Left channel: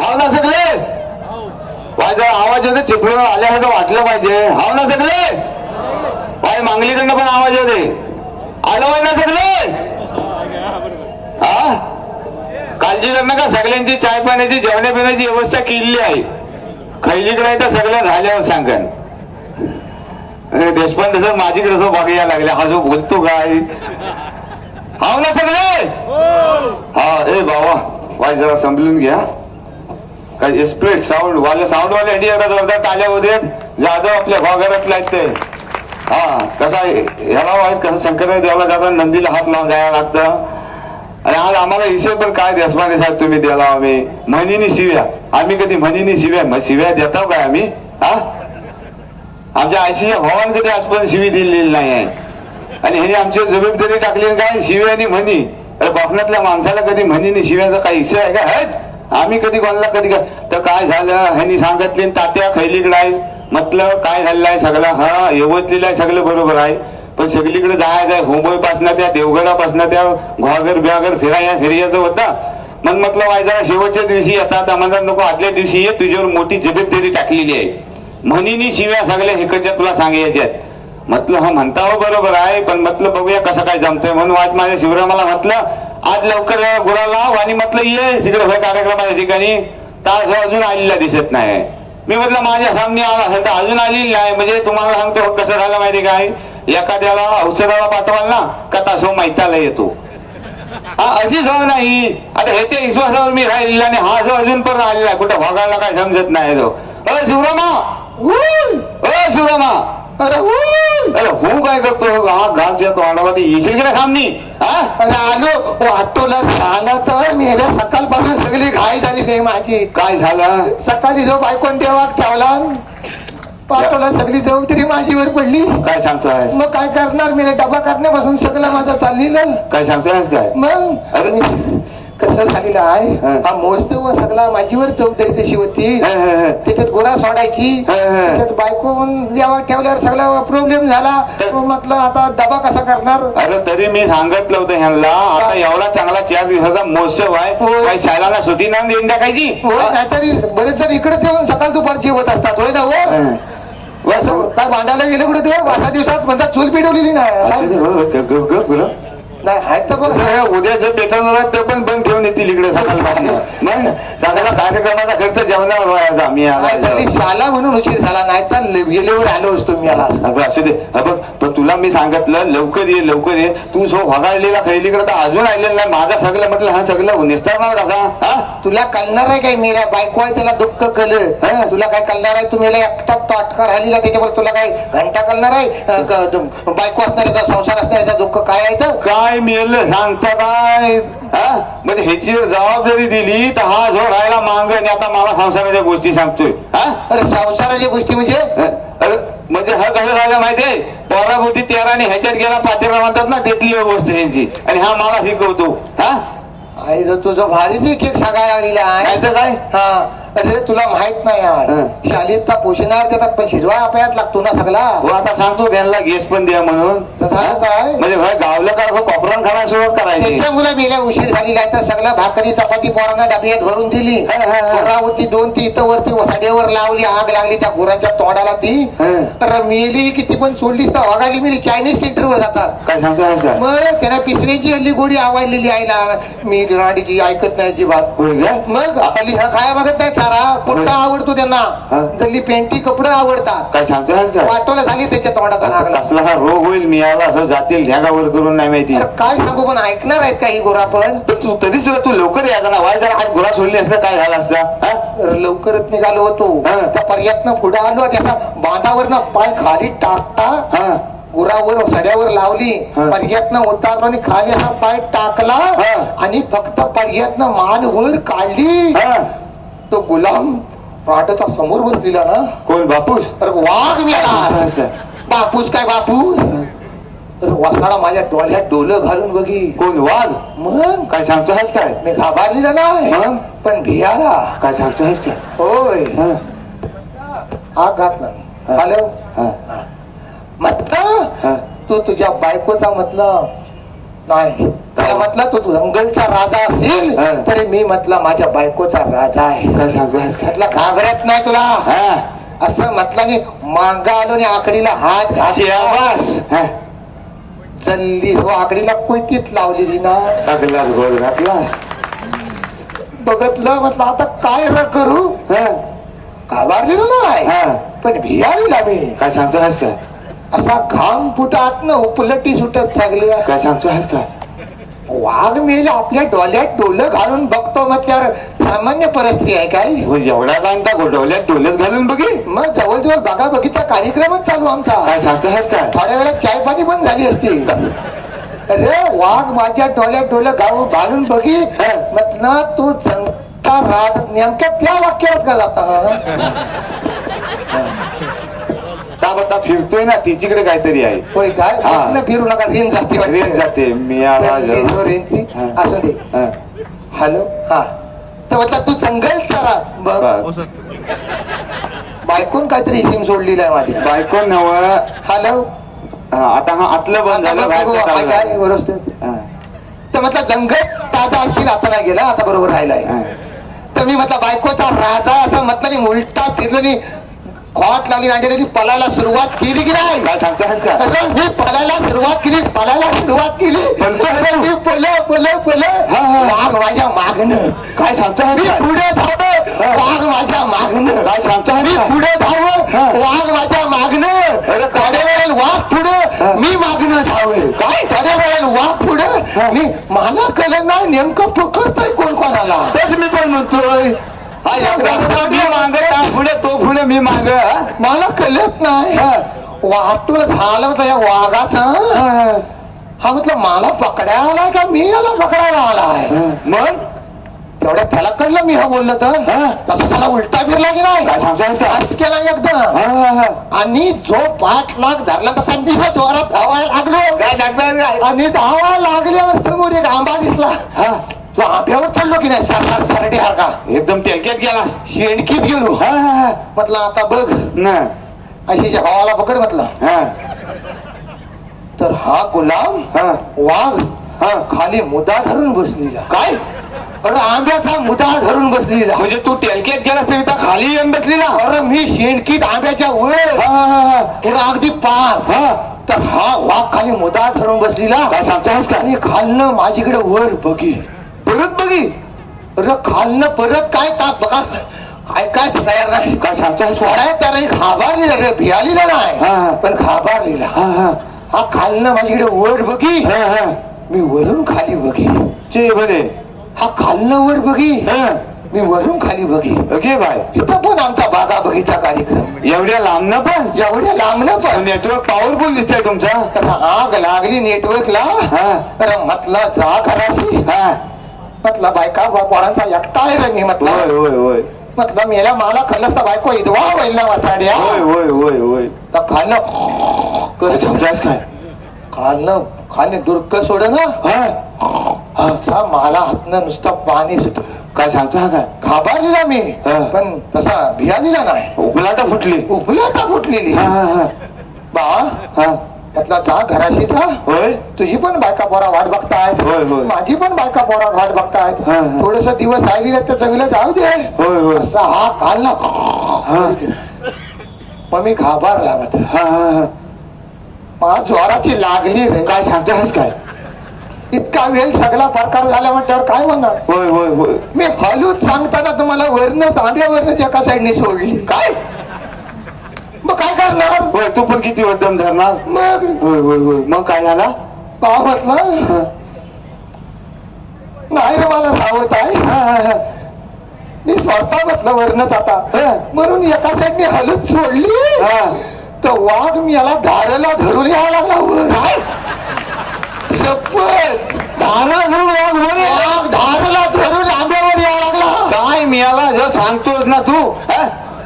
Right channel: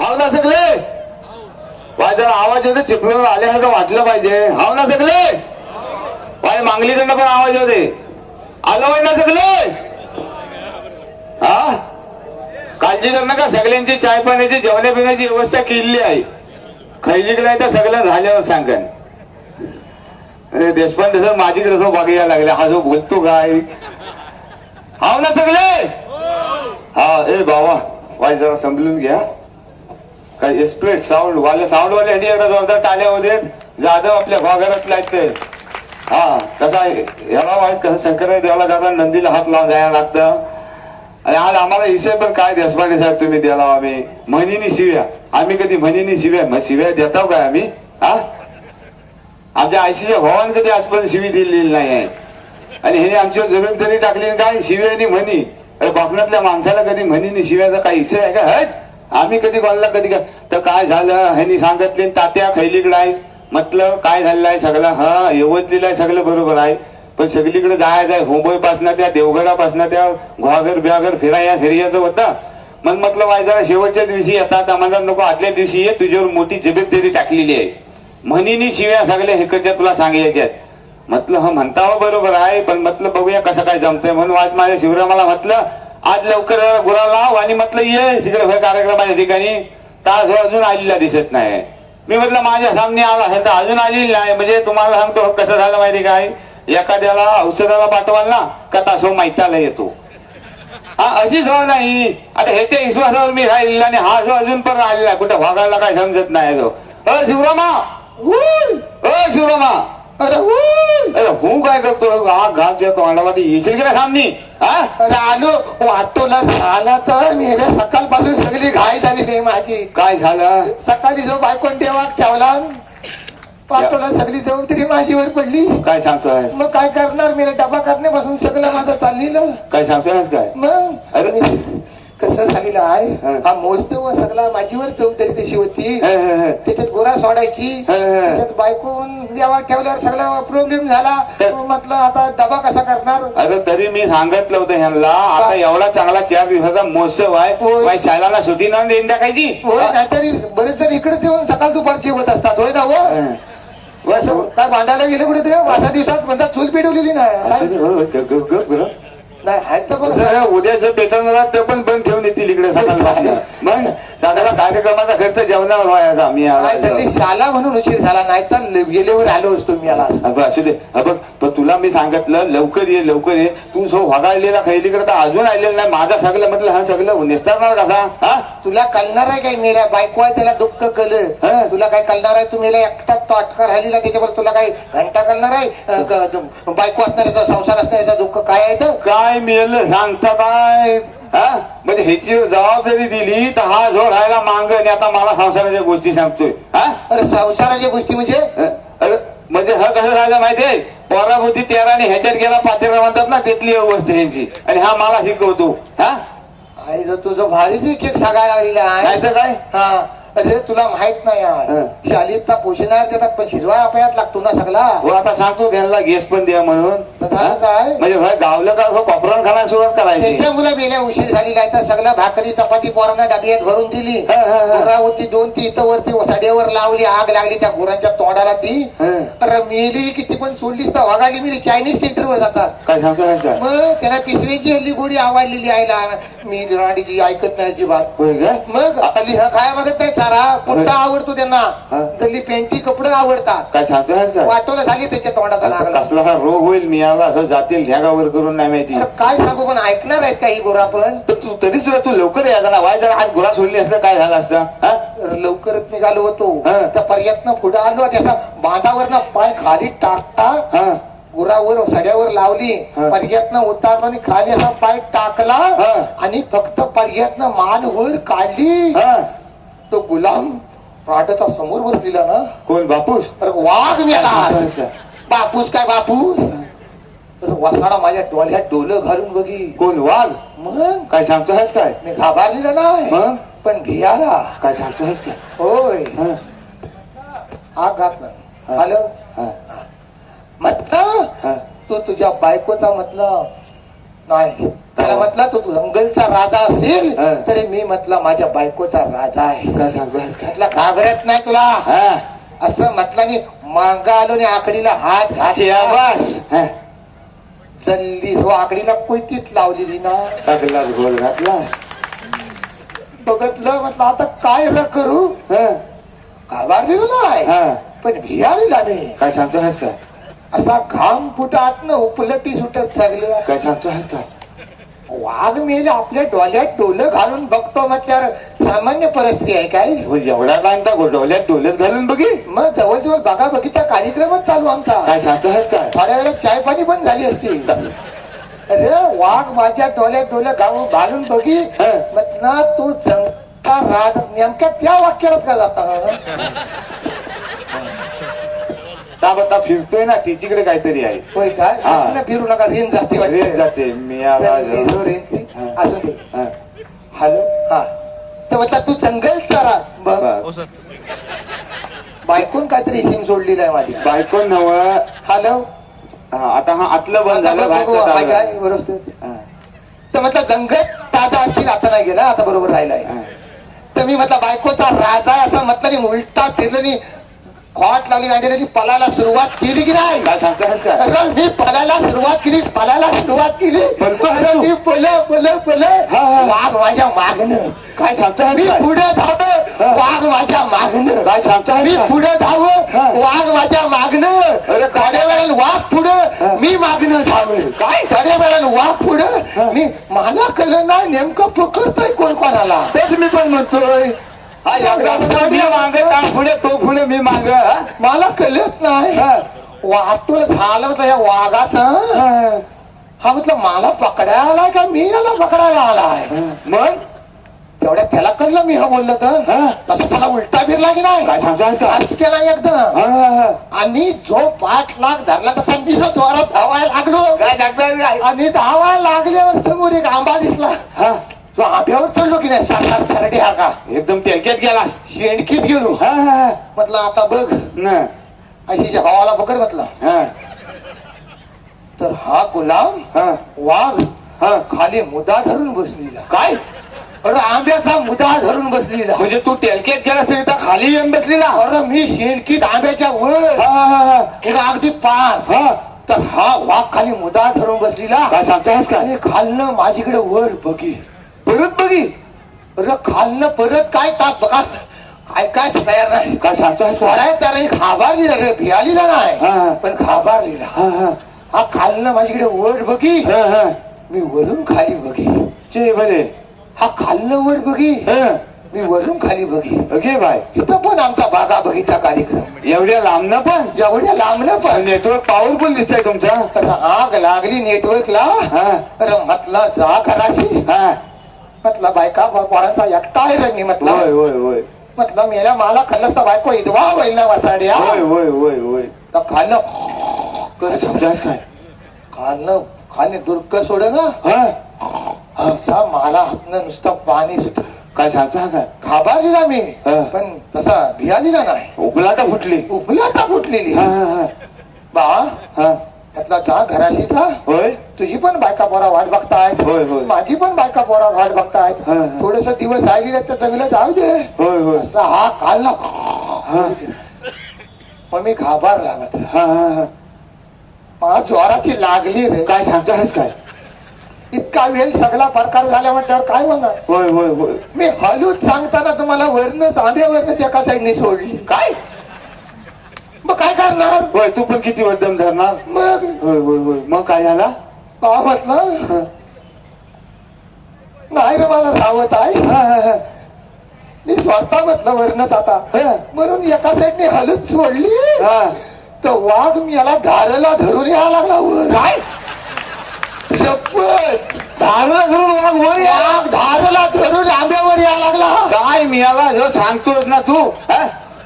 हाव ना सगळे? जरा आवाज येतो चिपळीवर आल्यासारखं वाटलं पाहिजे. हाव ना सगळे? वाय मांगलीकडनं पण आवाज येते आलं ना सगळे? हा? काळजी कर नका सगळ्यांची चाय पाण्याची जेवण्या पिण्याची व्यवस्था केलेली आहे? खैलीकडे तर सगळ्या झाल्यावर सांगन. देशपांडे सर माझीकडे असं बघायला लागले. हा जो बोलतो काय? हाव ना सगळे? हा ए बाबा वाय जरा समजून घ्या. स्प्लिट साऊंड वाले साऊंड वाले ह्याची जोरदार टाले होते जाधव आपल्या भागारातला आहेत ते हा कसा याला ह्याला वाईट कसं शंकर देवाला जाताना नंदीला हात लावून जायला लागतं. आणि आज आम्हाला हिशेब पण काय देशपांडे साहेब तुम्ही द्याला आम्ही. म्हणीनी शिव्या. आम्ही कधी म्हणीनी शिव्या मग शिव्या देतो काय आम्ही? हा? आमच्या आयसीच्या भावाने कधी आजपर्यंत शिवी दिलेली नाही आहे. आणि हे आमची जबाबदारी टाकली काय? शिव्या आणि म्हणी. अरे कोकणातल्या माणसाला कधी म्हणीनी शिव्याचा काही हिस्सा आहे का? हट! आम्ही कधी बोलला कधी तर काय झालं? ह्यांनी सांगितले तात्या खैलीकडे आहे. म्हटलं काय झालेलं आहे सगळं? हा यवतलेलं आहे सगळं बरोबर आहे. पण सगळीकडे जायचं आहे मुंबई पासनं त्या देवगडापासनं त्या घोघर बिहागर फिराया फिरायचं होतं. मग म्हटलं माझ्या जरा शेवटच्या दिवशी येतात आम्हाला नको आदल्या दिवशी ये तुझ्यावर मोठी जबाबदारी टाकलेली आहे. म्हणीनी शिव्या सगळ्या हेकडच्या तुला सांगायच्या म्हटलं हा म्हणता हो बरोबर आहे पण म्हटलं बघूया कसं काय जमतंय. म्हणून आज माझ्या शिवरामाला म्हटलं आज लवकर या गुरा लाव आणि म्हटलं ये तिकडे होय कार्यक्रमाच्या ठिकाणी. तास हो अजून आलेला दिसत नाही. मी म्हटलं माझ्या सामने आला असेल तर अजून आलेली नाही. म्हणजे तुम्हाला सांगतो हो, कसं झालं माहिती काय? एखाद्याला औषधाला पाठवाल ना का तासो माहिताला येतो. हा अशी सवय नाही. आता ह्याच्या विश्वासावर मी राहिलेला आणि हा जो अजून पण राहिलेला कुठं भागाला काय समजत नाही तो. अ शिवरामा अ शिवरामा अरे हो काय करतो? हा घास येतो अंडामध्ये येशील की नाही सामनी हा? अरे आलो ऑटोला झाला तर मेल्या सकाळपासून सगळी घाई झालेली आहे माझी. काय झालं? सकाळी जो बायकोन तेव्हा ठेवला ऑटोला सगळी जबाबदारी माझीवर पडली. काय सांगतोय? मग काय करणार? मी डबा करण्यापासून सगळं माझं चाललेलं. काय सांगतोय काय? मग? अरे. कसं झालेलं आहे? हा. हा मोजतो सगळा माझीवर जबाबदारी तशी होती हे, हे, हे. त्याच्यात गोळा सोडायची. हा, हा. त्याच्यात बायको जेव्हा ठेवल्यावर सगळा प्रॉब्लेम झाला. तर- म्हटलं आता डबा कसा करणार? अरे तरी मी सांगितलं होतं ह्यांना आता एवढा चांगला चार दिवसाचा महोत्सव आहे. हो. काही शाळांना सुट्टी नाही देऊन टाकायची हो नाहीतरी बरेच जण इकडे येऊन सकाळ दुपारची होत असतात. होय ना हो? हं. हो. काय भांडायला गेले कुठे ते वासा दिवसात म्हणतात चूल पेटवलेली नाही. हो, हो, आहेत तर बघ. उद्या जे बेतन ते पण बंद येतील इकडे मग सगळ्या कार्यक्रमाचा खर्च जेवणावर व्हायचा मी आला शाला म्हणून उशीर झाला नाही तर गेल्यावर आलो असतो मी आला असू दे. बघ पण तुला मी सांगितलं लवकर ये लवकर ये. तू सो वगाळलेला खैलीकडे तर अजून आलेला नाही. माझा सगळं म्हटलं हा सगळं निस्तारणार कसा हा? तुला कळणार आहे काय मेऱ्या बायको आहे त्याला दुःख कल. तुला काय कळणार आहे? तुम्ही एकटा ताटका राहिलेला त्याच्यामुळे तुला काय घंटा कळणार आहे? बायको असणाऱ्याचा संसार असणाऱ्याचा दुःख काय आहे तर काय मेल सांगता काय म्हणजे ह्याची जर जबाबदारी दिली तर हा जो राहायला मांग आणि आता मला संसाराच्या गोष्टी सांगतोय. हा? अरे संसाराची गोष्टी म्हणजे? अरे म्हणजे हा कसं झालं माहितीये पोराभोवती तेरा आणि ह्याच्यात गेला पातेरा म्हणतात ना तिथली अवस्था ह्यांची. आणि हा मला शिकवतो. हा? आई तुझं भारीच एक सांगायला लागलेला आहे. काय? हा. अरे तुला माहीत नाही यार. शालीत पोषणार देतात पण शिजवा आपल्यात लागतो ना सगळा. हो आता सांगतो त्यांना गॅस पण द्या म्हणून. झालं काय? म्हणजे गावलं का असं कोपरण खाना सुरुवात करायची. त्याच्या मुला मेल्या उशीर झालेला आहे तर सगळं भाकरी चपाती पोरांना डबियात भरून दिली. होती दोन ती इथं वरती वसाड्यावर लावली आग लागली त्या गुराच्या तोंडाला ती. तर मेली किती पण सोडलीस तर वागाली मिळली चायनीज सेंटर वर जातात. काय मग त्यांना पिसऱ्याची हल्ली गोडी आवडलेली आईला. मी राणीची ऐकत नाही जी बात मग हल्ली हा काय मागत नाही चारा पुट्टा आवडतो त्यांना. हा. जल्ली पेंटी कपडे आवडतात. काय सांगतो का वाटोला झाली त्याच्या तोंडात लागला. कसला हा रोग होईल मी आला असं जातील ढ्यागावर करून नाही माहिती. अरे काय सांगू पण ऐकणार आहेत काही गोरा पण तू तरी सुद्धा तू लवकर यायचा ना वाय जरा आज गुरा सोडली असतं काय झालं असतं? हा? लवकरच निघालो होतो. हा. त्या पर्यटन पुढे आलो त्याचा बांधावर पाय खाली टाकता हा. गुरावर सड्यावर लावली. हा. पर्यटन उतारलो आणि खाली असा पाय टाकला हा. आणि फक्त पर्यटन मान वर काढली. हा. तो गुलाम पाटाचा समोर बसलेला ना. कोण बापूस? तर वाघ मिळाला बापूस. काय बापूस? तर वासाडा माझ्या डोळ्यात डोलं घालून बघी. कोण वाघ? मग? काय सांगतो आहेस काय? मी घाबरलेला नाही. मग? पण भियाला काय सांगतो आहेस काय? होय. हा, आग घात नाही. हॅलो हा. तू तुझ्या बायकोचा म्हटलं नाही. त्याला म्हटलं? तू जंगलचा राजा असेल हा. तरी मी म्हटलं माझ्या बायकोचा राजा आहे. काय सांगतोस काय म्हटलं घाबरत नाही तुला? हा. असं म्हटलं आणि मांगा आलो आणि आकडीला हात हा. चल्ली हो आकडीला कोयतीत लावलेली ना. सगळ्याच गोल घातला. बघतलं म्हटलं आता काय र करू? हा. घाबरलेलो नाही. हा. पण भियावी मी काय सांगतोस काय असा घाम फुटात न उपलटी सुटत सगळे काय सांगतोस काय वाघ मेल आपल्या डोल्यात डोलं घालून बघतो म्हटल्यावर सामान्य परिस्थिती आहे काय? हो एवढा बांधता गोडवल्यात डोलच घालून बघी. मग जवळजवळ बघा बघीचा कार्यक्रमच चालू आमचा. काय सांगतोस काय थोड्या वेळात चाय पाणी पण झाली असती. अरे वाघ माझ्या डोल्यात डोलं घालून घालून बघी. हा. म्हटलं तू जनता राज नेमक्या त्या वाक्यात का जाता का बता फिरतोय ना तिच्याकडे काहीतरी आहे होय काय हा. म्हटलं फिरू नका रेन जाते वाटतं. रेत जाते मी आला. हा. असं दे हा. हॅलो हा तर तू जंगल चला बघ. बायकून काहीतरी सिम सोडलेली आहे माझी बायको नव हॅलो आता हा आतलं बंद झालं बघू, बाहेरचं काय चालू काय आहे. व्यवस्थित हा. तर म्हटलं जंगल ताजा असेल आता नाही गेला आता बरोबर राहिलाय हा. तर मी म्हटलं बायकोचा राजा असं म्हटलं मी उलटा फिरलो खॉट लावली आणि पलायला सुरुवात केली की नाही? काय का मी पलायला सुरुवात केली पलायला सुरुवात केली. तो- मी पल पल पल. वाघ माझ्या मागणं काय सांगतोस मी पुढे धाव वाघ माझ्या मागणं काय सांगतोस मी? पुढे धाव. वाघ माझ्या मागणं थोड्या वेळेला वाघ. पुढे. मी मागणं धाव काय? थोड्या वेळेला वाघ पुढे. मी मला कळलं ना नेमकं पकडतोय कोण कोणाला. तेच मी पण म्हणतोय. माग पुढे तो पुढे मी माग. मला कळत नाही. वाटून झालं होतं या वाघाचं. हा. म्हटलं मला पकडायला आलाय का मी याला पकडायला आलाय? मग तेवढ्या त्याला कळलं मी हा बोललो तर. तसं त्याला उलटा फिरला की नाही? केला एकदम. आणि जो पाठ लाख धरला तसा मी जोरात धावायला लागलो. आणि धावा लागल्यावर समोर एक आंबा दिसला. तो आंब्यावर चढलो की नाही? सात सरडे हा का? एकदम टँक्यात गेला शेणकीत गेलो. हा हा हा. म्हटलं आता बघ. ना अशी हवाला पकड म्हटलं. हा. तर हा गुलाम हा. वाघ हा. खाली मुदा धरून बसलेला. काय? अरे आंब्याचा मुदा धरून बसलेला. म्हणजे तू टँक्यात गेला तरी त्या खाली येऊन बसलेला? अरे मी शेणकीत आंब्याच्या वर. हा हा हा हा. अरे अगदी पार. हा. तर हा वाघ खाली मुदा धरून बसलेला. काय सांगतोस का? आणि खालनं माझीकडे वर बघी. परत बघी. अरे खालनं परत काय टाक बघा. काय काय तयार नाही काय सांगतोस सोडाय त्याला घाबरलेला रे भियालेला. नाही. पण घाबरलेला हा हा. हा खालनं माझीकडे वर बघी. हा हा. मी वरून खाली बघी. चे भले हा खालनं वर बघी. हा. मी वरून खाली बघी. Okay bye. इथं पण आमचा बागा बगीचा कार्यक्रम. एवढ्या लांब ना पण? एवढ्या लांबनं पण. नेटवर्क पॉवरफुल दिसतंय तुमचा. आग लागली नेटवर्कला हा. तर म्हटलं जा कराशी. हा. म्हटलं बायका पोरांचा एकटा आहे रे मी होय म्हटलं. होय होय म्हटलं मेला मला खल्लस तर बायको इदवा होईल ना वासाड्या. होय होय होय होय. तर काय समजास काय? खाल्लं खाणे दुर्क सोड ना. हा. असा मला हातनं नुसतं पाणी सुट काय सांगतो हा काय? घाबरलेला मी. हा. पण तसा भियालेला नाही. उकलाटा फुटली. उपल्याता फुटलेली. हा हा हा. बा हा. म्हटलं जा घराशी जा. होय? तुझी पण बायका पोरा वाट बघतायत. होय, होय. माझी पण बायका पोरा वाट बघतायत. थोडस दिवस राहिली तर चांगलं जाऊ दे. होय होय. असा हा काल ना. मग मी घाबर लागत. मला ज्वाराची लागली रे. काय सांगतास काय? इतका वेळ सगळा प्रकार झाला म्हटल्यावर काय होणार? होय होय होय. मी हलूच सांगताना तुम्हाला वर्ण तांब्यावरच एका साईडने सोडली. काय? मग काय करणार? होय तू पण किती वद्दम धरणार? मग? होय होय होय. मग काय झाला? का म्हटलं नाही रे मला रावत आहे. मी स्वतः म्हटलं वर्णच आता. म्हणून एका साईडने हलूच सोडली. हा. तर वाघ मी याला धारेला धरून यायला लागला. वर. शपथ. धारला धरून वाघ वर. वाघ धारेला धरून आंब्यावर यायला लागला. काय मिळाला जो सांगतोस ना तू?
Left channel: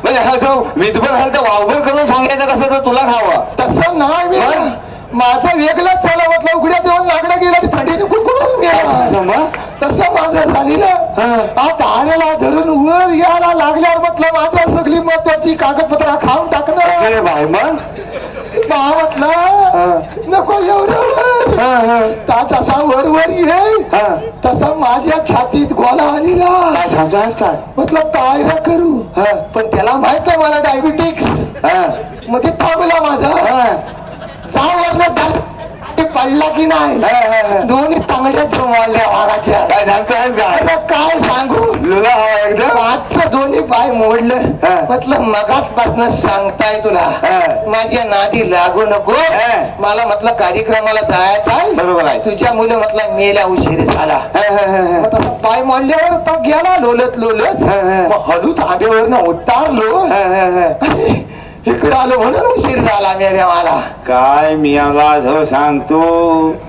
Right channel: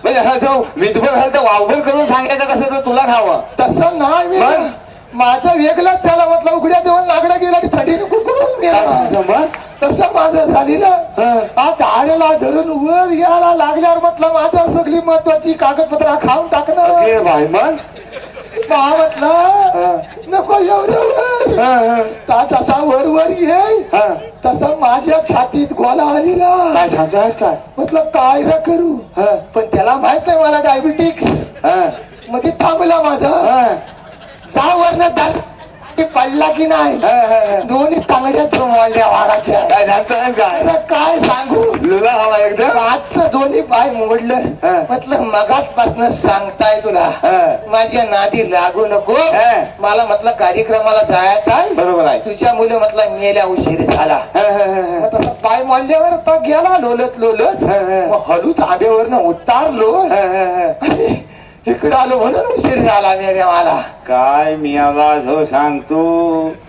म्हणजे हा जो विधभर झाला तर वावभर करून सांगायचं कसं तर तुला खावा तसं नाही मी मग? माझं वेगळंच झालं म्हटलं उघड्या देऊन लागलं गेलं आणि थंडीने कुडकुडून गेला? तसं माझं झालेलं हा. हा धारेला धरून वर यायला लागल्यावर म्हटलं माझ्या सगळी महत्वाची कागदपत्र खाऊन टाकणार अरे भाई मग म्हटलं नको एवढं. ता जसा वर वर येईल हा. तसा माझ्या छातीत गोला आलेला काय सांगतोय काय ना करू हा. पण त्याला माहीत आहे मला डायबिटिक्स हा. ते थांबला माझा हा. जा वरनं पडला की नाही. दोन्ही तांगड्या जमवल्या वाघाच्या काय सांगतोय काय सांगू? आजचं दोन्ही पाय मोडलं. म्हटलं मगाचपासून सांगताय तुला. माझ्या नादी लागू नको. मला म्हटलं कार्यक्रमाला जायचा बरोबर आहे. तुझ्या मुलं म्हटलं मेल्या उशीर झाला. तसं पाय मोडल्यावर तो गेला लोलत लोलत. मग हलूच आगेवरनं उतारलो. इकडे आलो म्हणून उशीर झाला मेल्या मला? काय मी आवाज हो सांगतो?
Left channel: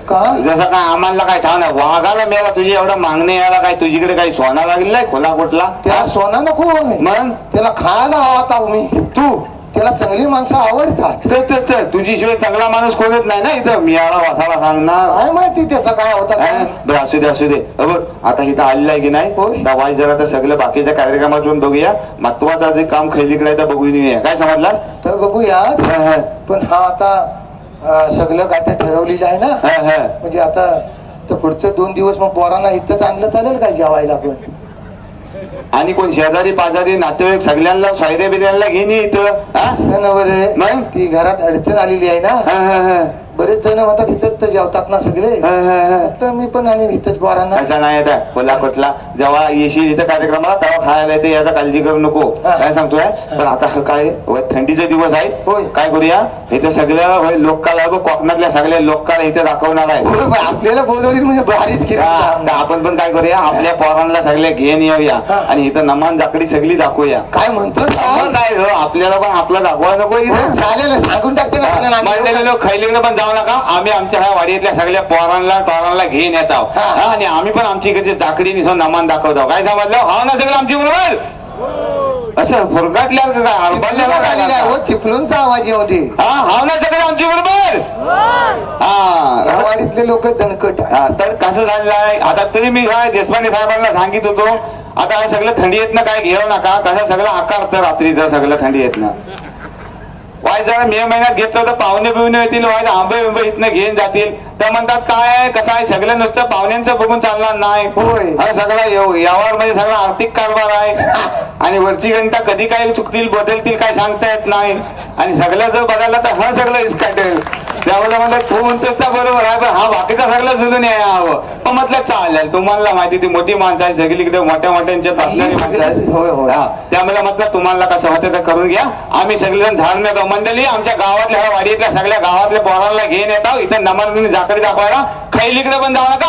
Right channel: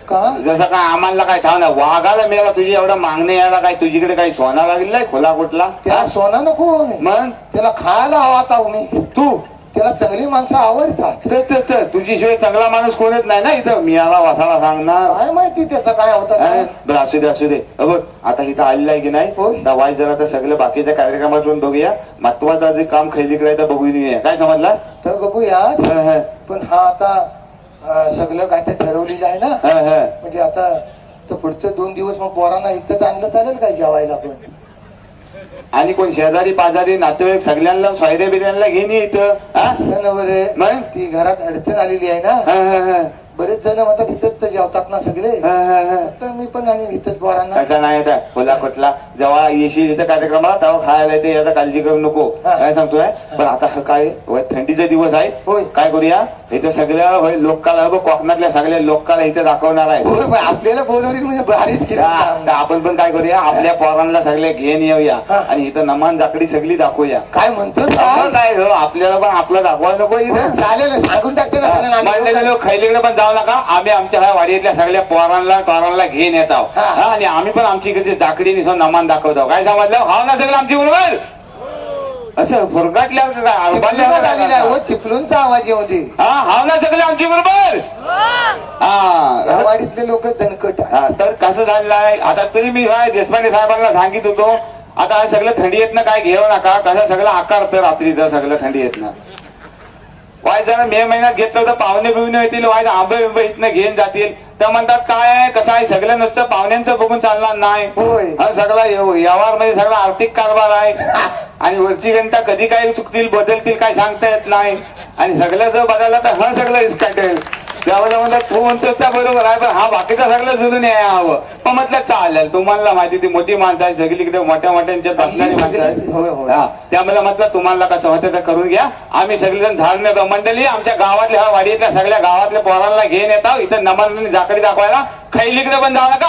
का? जसं काय आम्हाला काय ठाव नाही वाघाला मेला तुझी एवढं मागणे यायला काय तुझीकडे काही सोना लागेल नाही खोला कुठला? त्याला सोना नको मग? त्याला खायला आता मी. तू? त्याला चांगली माणसं आवडतात. तर तर- तर तुझी शिवाय चांगला माणूस कोणच नाही ना इथं मी आला वासाला सांगणार. काय माहिती त्याचं काय होतं? काय? बरं असू दे असू दे. अ बघ आता इथं आलेलं आहे की नाही? वाईट जरा तर सगळं बाकीच्या कार्यक्रमातून बघूया. महत्वाचं जे काम आहे तर बघून येऊया. काय समजला? तर बघूया. पण हा आता अं, सगळं काय ते ठरवलेलं आहे ना. म्हणजे आता तर पुढचे दोन दिवस मग पोरांना इथंच आणलं चालेल काय जेवायला पण? आणि कोण शेजारी पाजारी नातेवाईक सगळ्यांना सायरे बिर्याणीला घेऊन ये इथं? नाही ना बरे नाही? ती घरात अडचण आलेली आहे ना. बरेच जण म्हणतात इथंच जेवतात ना सगळे. तर मी पण आणि इथंच पोरांना कसा नाही येत कोल्हा कुठला जेव्हा येशील इथं कार्यक्रमाला तेव्हा खायला येते याचा काळजी करू नको. काय सांगतोय? पण आता काय थंडीचे दिवस आहेत. काय करूया? इथं सगळ्या लोककाला कोकणातल्या सगळ्या लोककाला इथे दाखवणार आहे आपल्याला बोलवली म्हणजे भारीच आपण पण काय करूया? आपल्या पोरांना सगळे घेऊन येऊया. आणि इथं नमान जाकडी सगळी दाखवूया. काय म्हणतो काय? आपल्याला पण आपला दाखवायला नको इथं. चालेल सांगून टाकते ना खैलीकडे पण जाऊ नका. आम्ही आमच्या ह्या वाडीतल्या सगळ्या पोरांना टोरांना घेऊन येत आहोत. हा. आणि आम्ही पण आमची इकडची जाकडी निसून नमान दाखवतो काय समजलं? हा ना सगळं आमची बरोबर असं हो, चिपळूणचा आवाज दे हा हा ना सगळं आमची बरोबर हा. वाडीतले लोक दणकट. तर कसं झालेलं आहे? आता तरी मी देशपांडे साहेबांना सांगित होतो आता हे सगळं थंडी येत ना काय? घेऊ नका. कसं सगळं आकारतं रात्रीचं सगळं थंडी येत ना. वाय जरा मे महिन्यात घेतलं तर पाहुणे बिवणे येतील वाय आंबे बिंबे इथनं घेऊन जातील. तर म्हणतात काय कसं आहे? सगळं नुसतं पाहुण्यांचं बघून चालणार नाही. होय. हा सगळा व्यवहारमध्ये सगळा आर्थिक कारभार आहे. आणि वरची घंटा कधी काय चुकतील बदलतील काय सांगता येत नाही. आणि सगळं जर बदललं तर हा सगळं इस्काटेल त्यामुळे म्हणलं तू म्हणतोस त्या बरोबर आहे? पण हा बाकीचा सगळं जुळून यावं पण म्हटलं चालेल. तुम्हाला माहिती ती मोठी माणसं आहे सगळीकडे मोठ्या मोठ्यांच्या हा, त्यामुळे म्हटलं तुम्हाला कसं होतं तर करून घ्या. आम्ही सगळेजण झाडणे मंडळी आमच्या गावातल्या वाडीतल्या सगळ्या गावातल्या पोरांना घेऊन येतो इथं नमन जाकडी दाखवायला. खैलीकडे पण जाऊ नका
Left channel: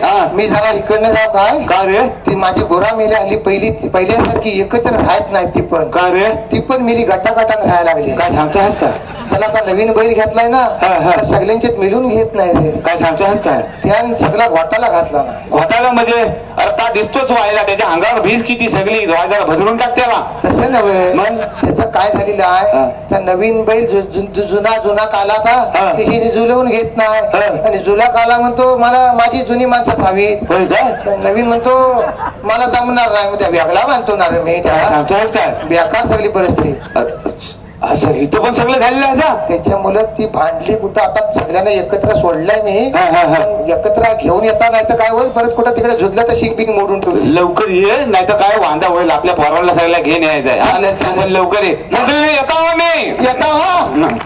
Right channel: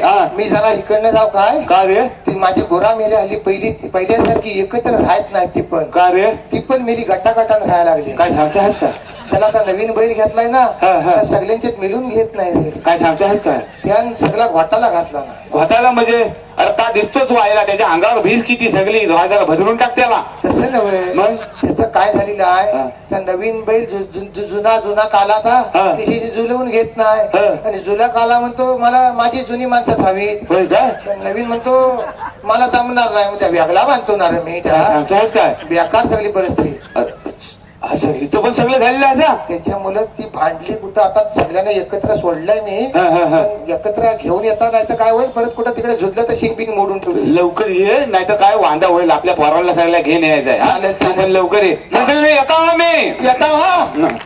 हा. मी जरा इकडनं जाऊ काय का रे? ती माझी गोरा मेली हल्ली पहिली पहिल्यासारखी एकत्र राहत नाही ती पण. का रे? ती पण मेली गटागटानं राहायला लागली. काय सांगतोस का? त्याला आता नवीन बैल घेतलाय ना हा, हा. त्या सगळ्यांच्यात मिळून घेत नाही रे. काय सांगतोस काय? त्याने सगळा घोटाला घातला ना. घोटाला म्हणजे? अर्था दिसतोच व्हायला त्याच्या अंगावर भीज किती सगळी जरा भदरून टाक त्याला. तसं नव्हे. मग? त्याचं काय झालेलं हा. आहे त्या नवीन बैल जु- जु- जु- जुना जुना काला हा. का तिची जुलवून घेत नाही. हा. आणि जुना काला म्हणतो मला माझी जुनी माणसं होय काय तर नवीन म्हणतो मला जमणार नाही. मग त्या वेगळा बांधतो ना रे मी त्या. काय बेकार सगळी परिस्थिती. अ- असं इथं पण सगळं झालेलं असं? त्याच्यामुळे ती भांडली कुठं आता सगळ्यांना एकत्र सोडलंय नाही हा, हा, हा. पण एकत्र घेऊन येता नाही तर काय होईल? परत कुठं तिकडे झुजलं तर शिंग बिंग मोडून ठेवली. लवकर ये नाही तर काय वांदा होईल? आपल्या पोरांना सगळ्या घेऊन यायचंय हा? चालेल, चालेल. पण लवकर ये. मंडळी येता आम्ही. येता हा. हं.